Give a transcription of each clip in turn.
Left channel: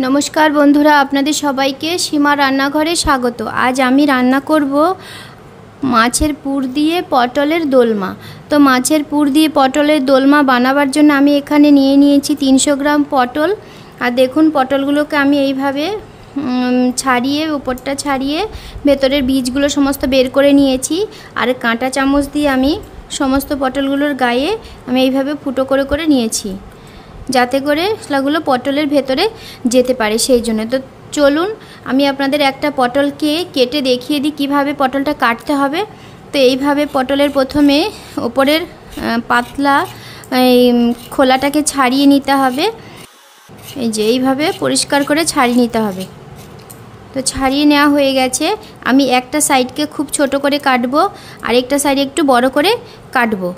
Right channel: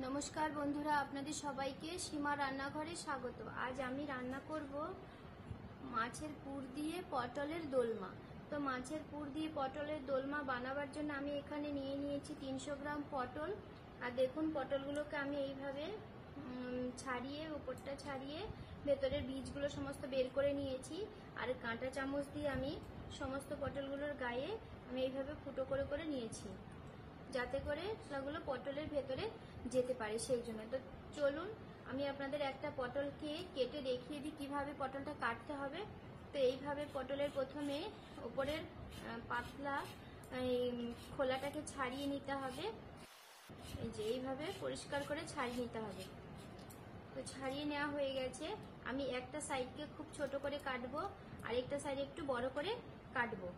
नमस्कार बंधुरा आपनादेर सबाइके सीमा रान्नाघरे स्वागत। आज आमी रान्ना करब माछेर पुर दिए पटलेर दोलमा। तो माछेर पुर दिए पटलेर दोलमा बानाबार जोन्नो आमी एखाने निये नियेछि 300 ग्राम पटल। और देखुन पटलगुलोके आमी एइभावे छाड़िए उपरटा छाड़िए भेतरेर बीजगुलो समस्त बेर करे नियेछि। और काँटा चामच दिए आमी समस्त पटलगुलोर गाये आमी एइभावे फुटो करे करे नियेछि যাতে করে সেগুলো পটলের ভেতরে যেতে পারে সেই জন্য। তো চলুন আমি আপনাদের একটা পটলকে কেটে দেখিয়ে দিই কিভাবে পটলটা কাটতে হবে। তো এইভাবে পটলের প্রথমে উপরের পাতলা খোলাটাকে ছাড়িয়ে নিতে হবে। এই যে এইভাবে পরিষ্কার করে ছাড়িয়ে নিতে হবে। তো ছাড়িয়ে নেওয়া হয়ে গেছে। আমি একটা সাইডকে খুব ছোট করে কাটবো আর একটা সাইড একটু বড় করে কাটবো।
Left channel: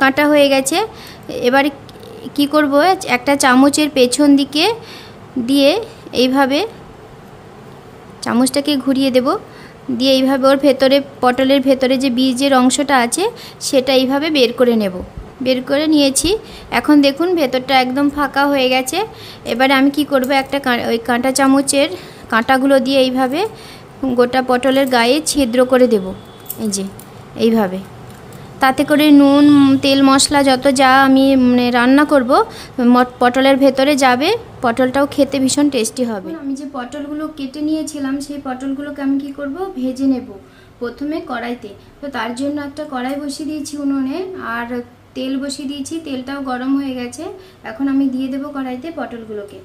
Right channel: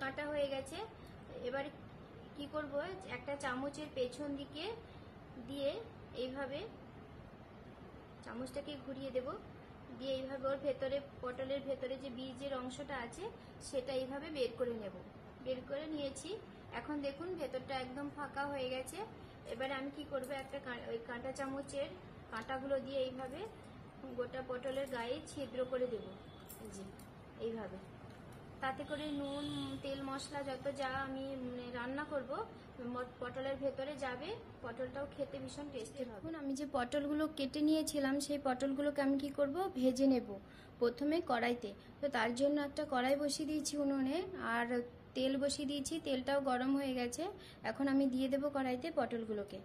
কাটা হয়ে গেছে। এবারে কি করব, একটা চামচের পেছন দিকে দিয়ে এইভাবে চামচটাকে ঘুরিয়ে দেব, দিয়ে এইভাবে ওর ভেতরে পটলের ভেতরে যে বীজের অংশটা আছে সেটা এইভাবে বের করে নেব। বের করে নিয়েছি। এখন দেখুন ভেতরটা একদম ফাঁকা হয়ে গেছে। এবারে আমি কি করব, একটা ওই কাঁটা চামচের কাঁটাগুলো দিয়ে এইভাবে গোটা পটলের গায়ে ছিদ্র করে দেব। এই যে এইভাবে, তাতে করে নুন তেল মশলা যত যা আমি রান্না করব পটলের ভেতরে যাবে, পটলটাও খেতে ভীষণ টেস্টি হবে। আমি যে পটলগুলো কেটে নিয়েছিলাম সেই পটলগুলোকে আমি কি করব, ভেজে নেব প্রথমে কড়াইতে। তো তার জন্য একটা কড়াই বসিয়ে দিয়েছি উনুনে আর তেল বসিয়ে দিয়েছি, তেলটাও গরম হয়ে গেছে। এখন আমি দিয়ে দেব কড়াইতে পটলগুলোকে।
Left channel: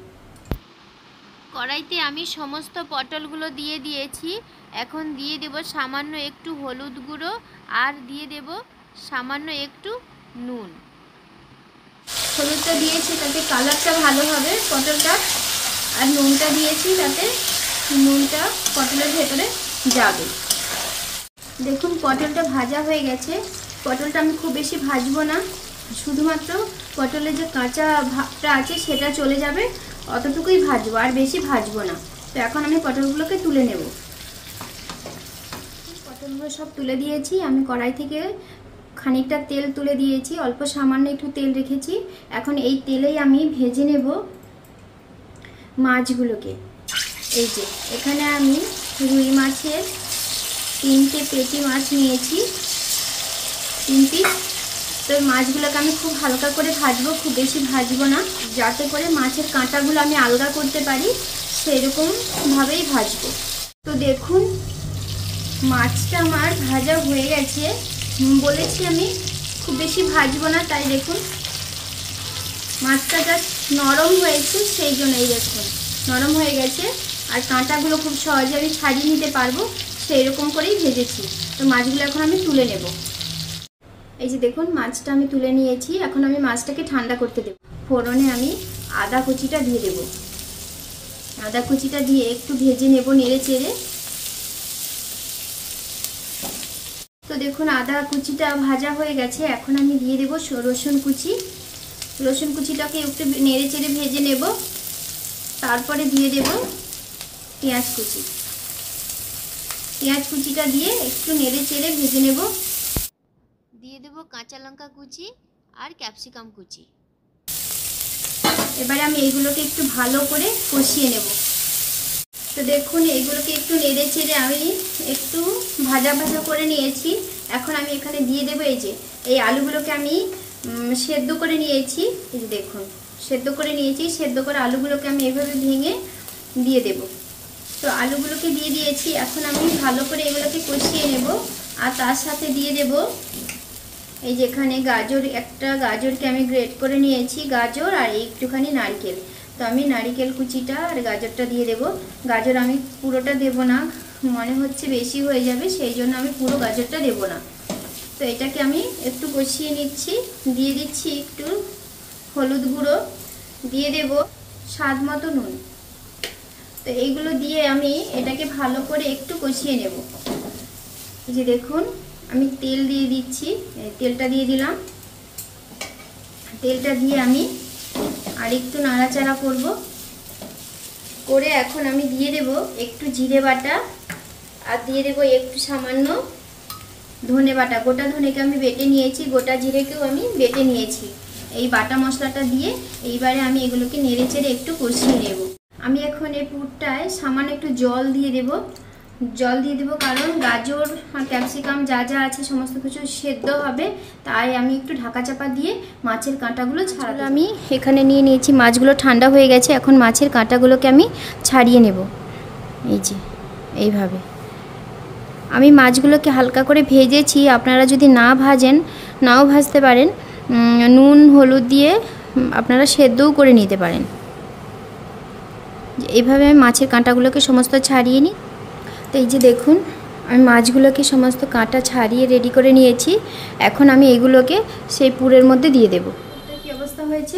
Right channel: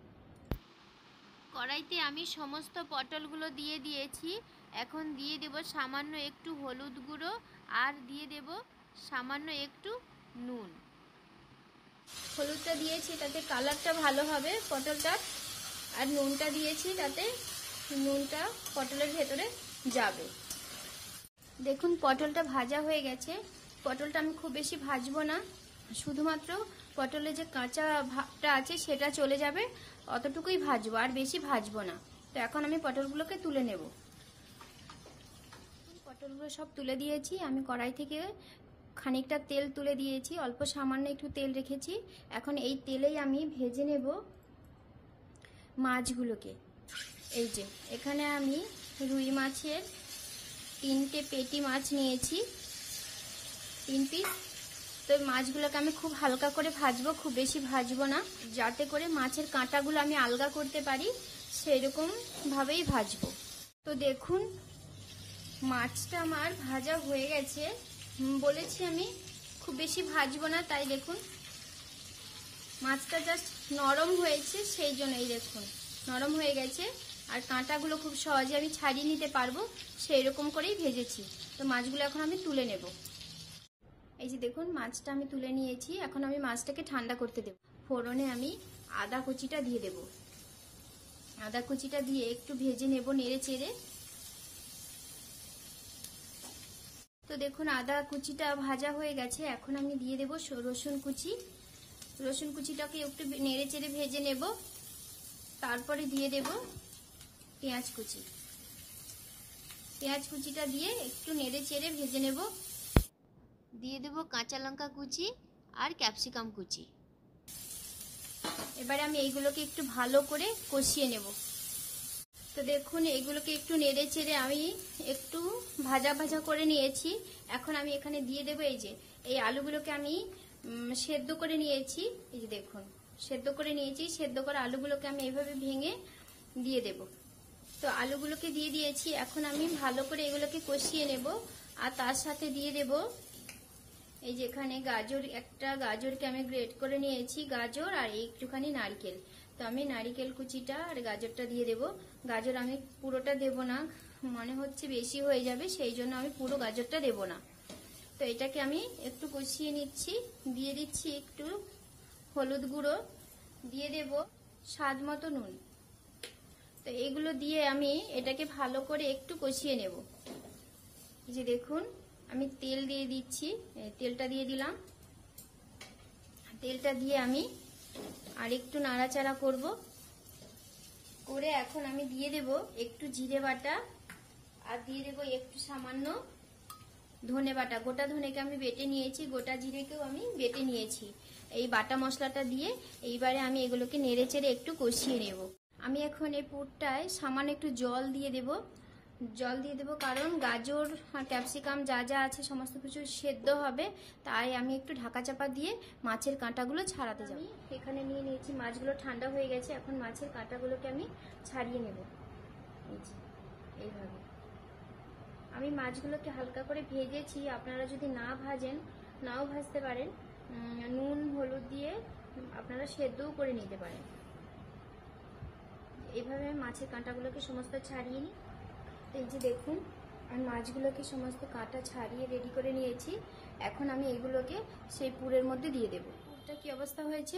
কড়াইতে আমি সমস্ত পটলগুলো দিয়ে দিয়েছি। এখন দিয়ে দেব সামান্য একটু হলুদ গুঁড়ো আর দিয়ে দেব সামান্য একটু নুন। হলুদটা দিয়েছি তাতে কালারটা ভালো হবে পটলটা, আর নুনটা দিয়েছি তাতে নুনটা পটলের ভেতরে যাবে। দেখুন পটলটা ভাজা হয়ে গেছে। পটলটা আমি খুব বেশি ভাজবো না, শুধুমাত্র পটলের যে কাঁচা ভাবটা আছে সেটা চলে যাবে অতটুকুই ভাজবো, আর বেশি ভাজবো না। তো এখন আমি পটলগুলোকে তুলে নেব। পটলগুলো সব তুলে দিয়েছি। আমি কড়াই থেকে খানিকটা তেল তুলে দিয়েছি, অল্প সামান্য একটু তেল রেখেছি। এখন এই তেলেই আমি ভেজে নেব মাছগুলোকে। এই যে এখানে আমি রুই মাছের 3টে পেটি মাছ নিয়েছি, 3 পিস। তো মাছগুলোকে আমি খুব হালকা করে ভাজবো, খুব বেশি ভাজবো না, যাতে করে মাছের কাঁটাগুলো আমি আলগা করতে পারি সেরকমভাবেই ভাজবো। তো দেখুন মাছটা আমার ভাজা হয়ে গেছে। বলেছি আমি খুব বেশি ভাজবো না, তাই দেখুন মাছটা জাস্ট নরম হয়েছে, সেই জন্যই দেখুন নরম হয়ে গেছে। আর কাঁটাগুলো খুব সহজে আমি ছাড়িয়ে নিতে পারবো সেই রকম করেই ভেজেছি। তো মাছগুলো এখন আমি তুলে নেব। এই যে দেখুন মাছটা আমি তুলে নিয়েছি। এখন আমি মাছটাকে ঠান্ডা করতে দেব। ফোড়নে আমি আদা কুচিটা দিয়ে দেব। আদা কুচিটা দিয়ে একটু ভেজে নেব নেড়ে চেড়ে। তো দেখুন আদা কুচিটা ভাজা হয়ে গেছে। এখন আমি দিয়ে দেব রসুন কুচি। রসুন কুচিটাকে একটু নেড়ে চেড়ে ভেজে নেব। তারপরে দিয়ে দেব পেঁয়াজ কুচি। পেঁয়াজ কুচিটা দিয়ে একটু নেড়ে চেড়ে ভেজে নেব। দিয়ে দেব কাঁচা লঙ্কা কুচি আর ক্যাপসিকাম কুচি। এবারে আমি এইগুলোকে একটু ভালো করে কষিয়ে নেব। তো দেখুন এইগুলোকে একটু নেড়ে চেড়ে আমি একটু ভাজা ভাজা করে নিয়েছি। এখন আমি এখানে দিয়ে দেবো এই যে এই আলুগুলোকে আমি সেদ্ধ করে নিয়েছি। এই যে দেখুন সেদ্ধ করে নিয়েছি। সেদ্ধ করে আলুগুলোকে আমি এভাবে ভেঙে দিয়ে দেব। তো আলুগুলোকে দিয়ে দিয়েছি। এখন আমি ভালো করে এগুলোকে কষিয়ে নেব। আর তার সাথে দিয়ে দেব এই যেখানে গাজর, একটা গাজরকে আমি গ্রেট করে নিয়েছি, গাজর আর একটুখানি নারকেল। তো আমি নারকেল কুচিটা আর গাজরটা দিয়ে দেব। গাজর আমি পুরোটা দেব না, মনে হচ্ছে বেশি হয়ে যাবে, সেই জন্য আমি পুরো গাজরটা দেব না। তো এটাকে আমি একটু কষিয়ে নিচ্ছি। দিয়ে দিচ্ছি একটু হলুদ গুঁড়ো, দিয়ে দেব স্বাদ মতো নুন। তো এইগুলো দিয়ে আমি এটাকে ভালো করে একটু কষিয়ে নেব। এই যে দেখুন আমি তেল দিয়ে দিচ্ছি, তেলটা দিয়ে দিলাম। তেলটা দিয়ে আমি আর একটু নাড়াচাড়া করব। করে এখন আমি দিয়ে দেব একটু জিরে বাটা আর দিয়ে দেব একটু সামান্য ধনে বাটা। গোটা ধনেকে আমি বেটে নিয়েছি, গোটা জিরেকেও আমি বেটে নিয়েছি। এই বাটা মশলাটা দিয়ে এইবারে আমি এগুলোকে নেড়ে চেড়ে একটু কষিয়ে নেব। আমি এখন এই পুরটায় সামান্য একটু জল দিয়ে দেব। কারণ গাজর আর ক্যাপসিকাম যা যা আছে সমস্ত কিছু সেদ্ধ হবে, তাই আমি একটু ঢাকা চাপা দিয়ে মাছের কাঁটাগুলো ছাড়াবো। আমি এখানে নিয়ে নিয়েছি, মাছগুলো ঠান্ডা হয়ে গেছে। এখন মাছের কাঁটাগুলোকে আমি ছাড়িয়ে নেব। এই যে এইভাবে আমি মাছগুলোকে হালকা করে ভেজেছি। আপনারা যদি না ভাজেন, নাও ভাজতে পারেন, নুন হলুদ দিয়ে আপনারা সেদ্ধও করে নিতে পারেন। এইভাবে আমি মাছের কাঁটাগুলোকে সমস্ত ছাড়িয়ে নিই। তো এই যে দেখুন, আমি মাছগুলোকে সমস্ত কাঁটা ছাড়িয়ে রেডি করে নিয়েছি। এখন আমি এগুলোকে সেই পুরের মধ্যে দিয়ে দেব। কি অবস্থা হয়েছে,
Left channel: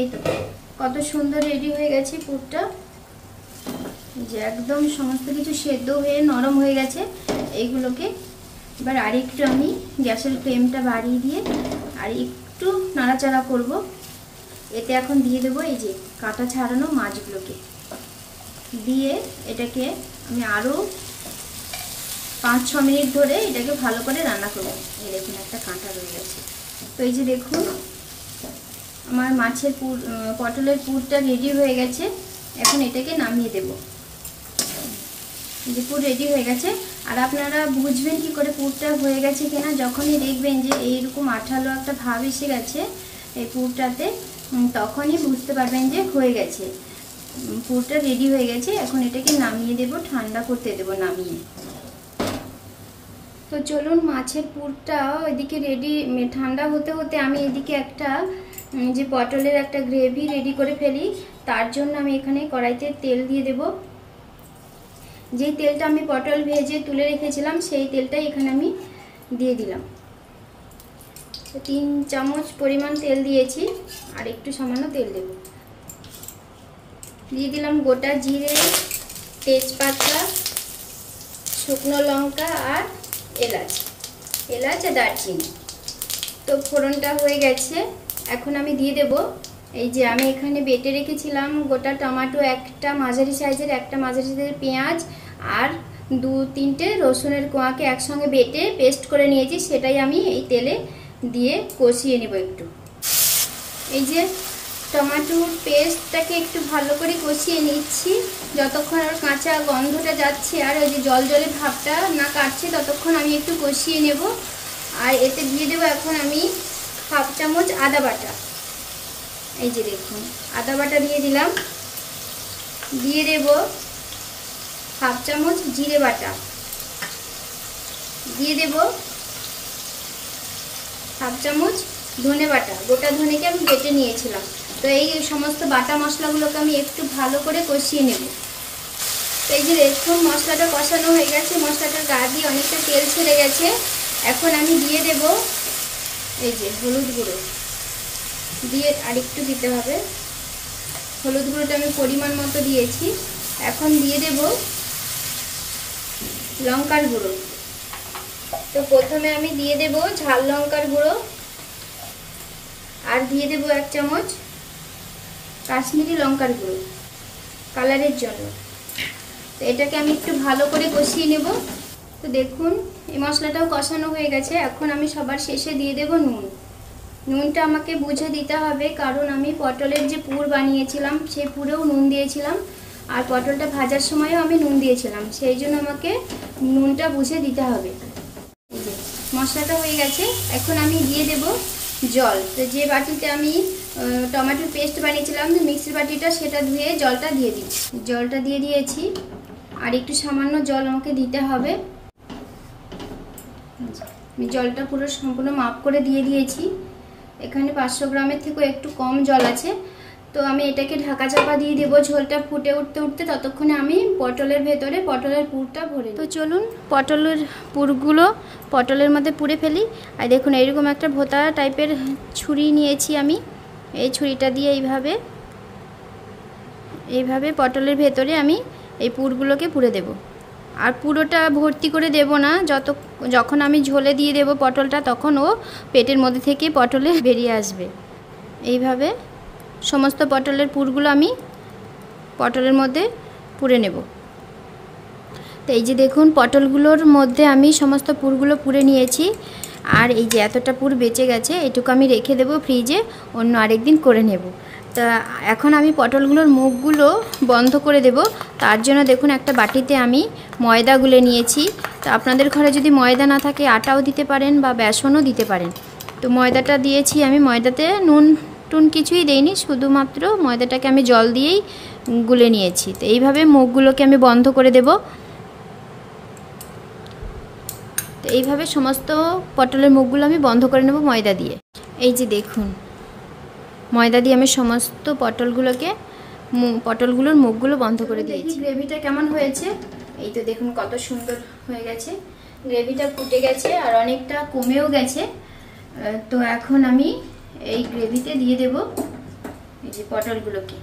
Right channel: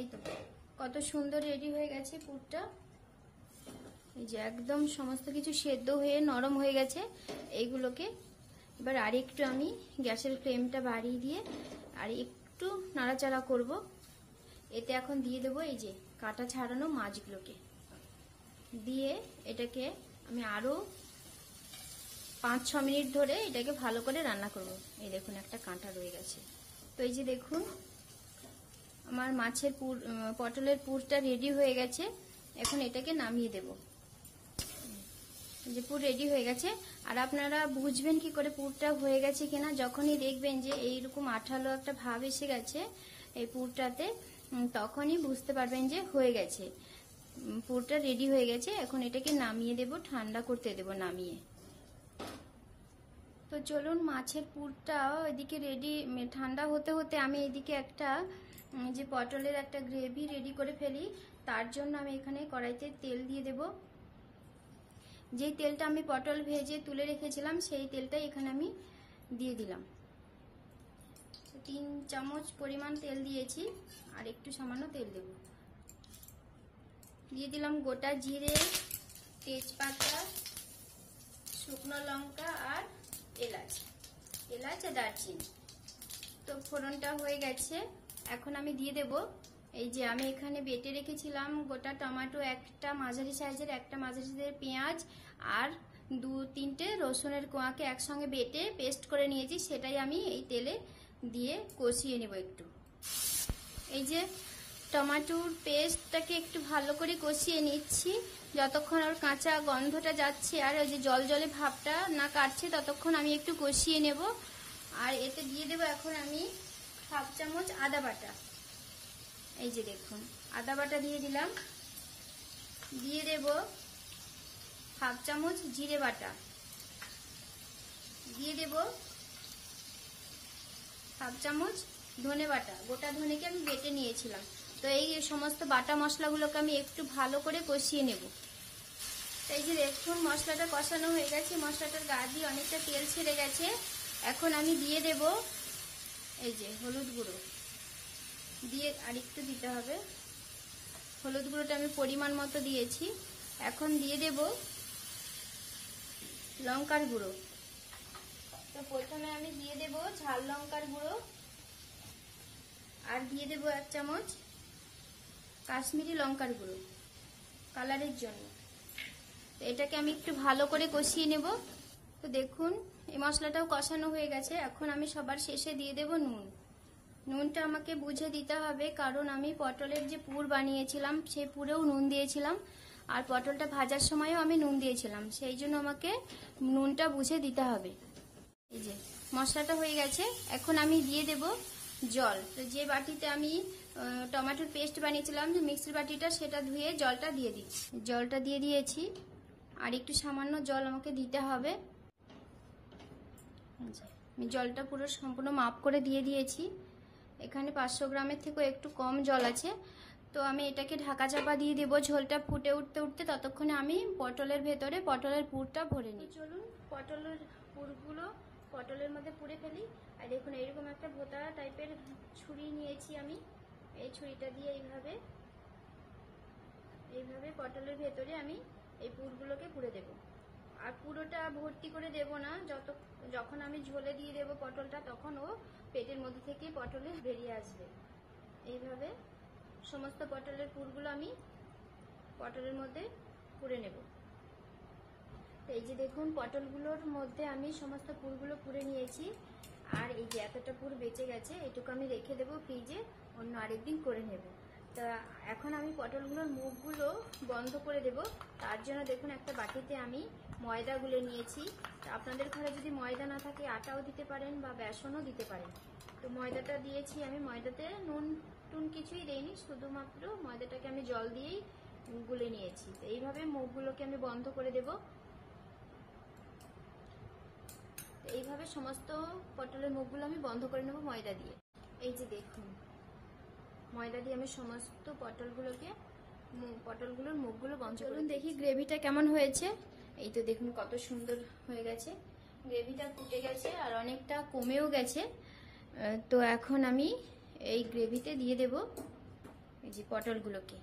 এই তো কত সুন্দর রেডি হয়ে গেছে পুরটা, যে একদম সমস্ত কিছু সেদ্ধ হয়ে নরম হয়ে গেছে। এইগুলোকে এবার আরেকটু আমি গ্যাসের ফ্লেমটা বাড়িয়ে দিয়ে আর একটু নাড়াচাড়া করব। এতে এখন দিয়ে দেবো এই যে কাঁটা ছাড়ানো মাছগুলোকে, দিয়ে এটাকে আমি আরও 5-6 মিনিট ধরে এটাকে ভালো করে রান্না করব। এই দেখুন একটা কাঁটা রয়ে গেছে। তো এই যে দেখুন আমার মাছের পটলের পুরটা রেডি হয়ে গেছে। এখন এটাকে নামিয়ে দেব। যে পুর রেডি হয়ে গেছে। আর আপনারা বুঝবেন কি করে পুরটা হয়ে গেছে কিনা, যখনই দেখবেন যে এইরকম আঠালো একটা ভাব এসে গেছে এই পুরটাতে, তখনই বুঝতে পারবেন যে হয়ে গেছে, পুরটা রেডি হয়ে গেছে। এখন এটাকে নামিয়ে দেব, ঠান্ডা করতে দেব নামিয়ে। তো চলুন মাছের পুরটা ওইদিকে রেডি, ঠান্ডা হতে হতে আমি এদিকে একটা যে পটলের একটা গ্রেভি রেডি করে ফেলি। তার জন্য আমি এখানে কড়াইতে তেল দিয়ে দেব। যেই তেলটা আমি পটল ভেজে তুলে রেখেছিলাম সেই তেলটাই এখানে আমি দিয়ে দিলাম। 3 চামচ পরিমাণ তেল দিয়েছি, আর একটু সামান্য তেল দেব। দিয়ে দিলাম গোটা জিরে, তেজপাতা, শুকনো লঙ্কা আর এলাচ আর দারচিনি। তো ফোড়নটা হয়ে গেছে। এখন আমি দিয়ে দেব এই যে আমি এখানে বেটে রেখেছিলাম গোটা টমেটো, একটা মাঝারি সাইজের পেঁয়াজ আর 2-3টে রসুনের কোয়াকে একসঙ্গে বেটে পেস্ট করে নিয়েছি। সেটাই আমি এই তেলে দিয়ে কষিয়ে নেব একটু। এই যে টমেটোর পেস্টটাকে একটু ভালো করে কষিয়ে নিচ্ছি, যতক্ষণ আর কাঁচা গন্ধটা যাচ্ছে আর ওই যে জল ভাবটা না কাটছে ততক্ষণ আমি একটু কষিয়ে নেব। আর এতে দিয়ে দেবো এখন আমি 1/2 চামচ আদা বাটা। এই যে দেখুন আদা বাটা দিয়ে দিলাম। দিয়ে দেব 1/2 চামচ জিরে বাটা। দিয়ে দেব 1/2 চামচ ধনে বাটা, গোটা ধনেকে আমি বেটে নিয়েছিলাম। তো এই সমস্ত বাটা মশলাগুলোকে আমি একটু ভালো করে কষিয়ে নেব। তো এই যে দেখুন মশলাটা কষানো হয়ে গেছে, মশলাটার গা দিয়ে অনেকটা তেল ছেড়ে গেছে। এখন আমি দিয়ে দেব এই যে হলুদ গুঁড়ো, দিয়ে আরেকটু দিতে হবে। হলুদ গুঁড়োটা আমি পরিমাণ মতো দিয়েছি। এখন দিয়ে দেব লঙ্কার গুঁড়ো। তো প্রথমে আমি দিয়ে দেব ঝাল লঙ্কার গুঁড়ো, আর দিয়ে দেব 1 চামচ কাশ্মীরি লঙ্কার গুঁড়ো কালারের জন্য। তো এটাকে আমি একটু ভালো করে কষিয়ে নেব। তো দেখুন এই মশলাটাও কষানো হয়ে গেছে। এখন আমি সবার শেষে দিয়ে দেব নুন। নুনটা আমাকে বুঝে দিতে হবে, কারণ আমি পটলের যে পুর বানিয়েছিলাম সেই পুরেও নুন দিয়েছিলাম, আর পটলটা ভাজার সময়ও আমি নুন দিয়েছিলাম, সেই জন্য আমাকে নুনটা বুঝে দিতে হবে। এই যে মশলাটা হয়ে গেছে। এখন আমি দিয়ে দেব জল। তো যে বাটিতে আমি টমেটোর পেস্ট বানিয়েছিলাম, মিক্সির বাটিটা, সেটা ধুয়ে জলটা দিয়ে দিচ্ছি। জলটা দিয়ে দিয়েছি, আর একটু সামান্য জল আমাকে দিতে হবে। আমি জলটা পুরো সম্পূর্ণ মাপ করে দিয়ে দিয়েছি। এখানে 500 গ্রামের থেকেও একটু কম জল আছে। তো আমি এটাকে ঢাকা চাপা দিয়ে দেবো। ঝোলটা ফুটে উঠতে ততক্ষণে আমি পটলের ভেতরে পটলের পুরটা ভরে। তো চলুন পটলের পুরগুলো পটলের মধ্যে পুরে ফেলি। আর দেখুন এইরকম একটা ভোতা টাইপের ছুরি নিয়েছি আমি। এই ছুরিটা দিয়ে এইভাবে পটলের ভেতরে আমি এই পুরগুলোকে পুরে দেব। আর পুরোটা ভর্তি করে দেব না, যখন আমি ঝোলে দিয়ে দেব পটলটা, তখন ও পেটের মধ্যে থেকে পটলে বেরিয়ে আসবে। এইভাবে সমস্ত পটলের পুরগুলো আমি পটলের মধ্যে পুরে নেব। তো এই যে দেখুন পটলগুলোর মধ্যে আমি সমস্ত পুরগুলো পুরে নিয়েছি। আর এই যে এতটা পুর বেঁচে গেছে, এটুকু আমি রেখে দেবো ফ্রিজে, অন্য আরেকদিন করে নেব। তা এখন আমি পটলগুলোর মুখগুলো বন্ধ করে দেব। তার জন্য দেখুন একটা বাটিতে আমি ময়দা গুলে নিয়েছি। তো আপনাদের ঘরে যদি ময়দা না থাকে আটাও দিতে পারেন বা বেসনও দিতে পারেন। তো ময়দাটা দিয়েছি আমি, ময়দাতে নুন টুন কিছুই দেইনি, শুধুমাত্র ময়দাটাকে আমি জল দিয়েই গুলে নিয়েছি। তো এইভাবে মুখগুলোকে আমি বন্ধ করে দেব। তো এইভাবে সমস্ত পটলের মুখগুলো আমি বন্ধ করে নেব ময়দা দিয়ে। এই যে দেখুন ময়দা দিয়ে আমি সমস্ত পটলগুলোর মুখগুলো বন্ধ করে দিয়েছি। গ্রেভিটা কেমন হয়েছে এই তো দেখুন কত সুন্দর হয়ে গেছে, গ্রেভিটা ফুটে গেছে আর অনেকটা কমেও গেছে। তো এখন আমি এই গ্রেভিতে দিয়ে দেব এই যে পটলগুলোকে।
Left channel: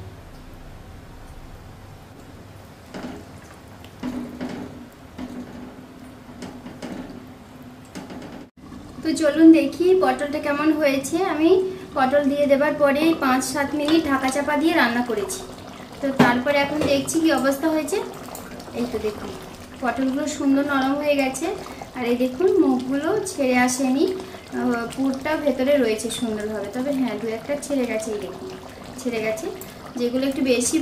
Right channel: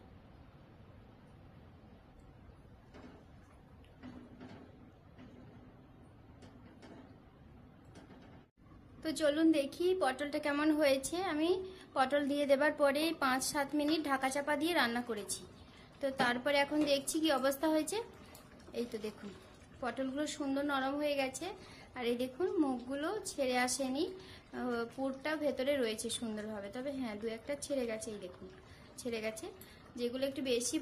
তো চলুন দেখি পটলটা কেমন হয়েছে। আমি পটল দিয়ে দেবার পরে 5-7 মিনিট ঢাকা চাপা দিয়ে রান্না করেছি। তো তারপরে এখন দেখছি কি অবস্থা হয়েছে। এই তো দেখুন পটলগুলো সুন্দর নরম হয়ে গেছে আর এই দেখুন মুখগুলো ছেড়ে আসেনি, পুরটা ভেতরে রয়েছে সুন্দরভাবে। তবে হ্যাঁ 2-1টা ছেড়ে গেছে, এই দেখুন ছেড়ে গেছে। যেগুলো একটু বেশি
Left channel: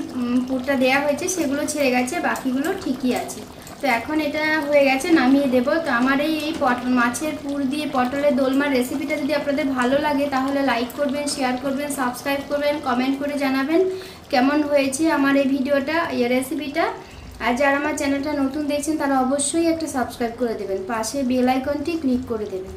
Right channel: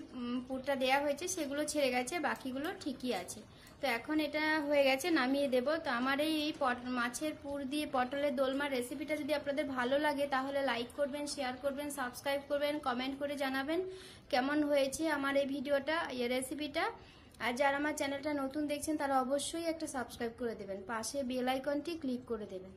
পুরটা দেয়া হয়েছে সেগুলো ছেড়ে গেছে, বাকিগুলো ঠিকই আছে। তো এখন এটা হয়ে গেছে, নামিয়ে দেব। তো আমার এই মাছের পুর দিয়ে পটলের দোলমার রেসিপিটা যদি আপনাদের ভালো লাগে তাহলে লাইক করবেন, শেয়ার করবেন, সাবস্ক্রাইব করবেন, কমেন্ট করে জানাবেন কেমন হয়েছে আমার এই ভিডিওটা, এই রেসিপিটা। আর যারা আমার চ্যানেলটা নতুন দেখছেন তারা অবশ্যই একটা সাবস্ক্রাইব করে দেবেন, পাশে বেল আইকনটি ক্লিক করে দেবেন।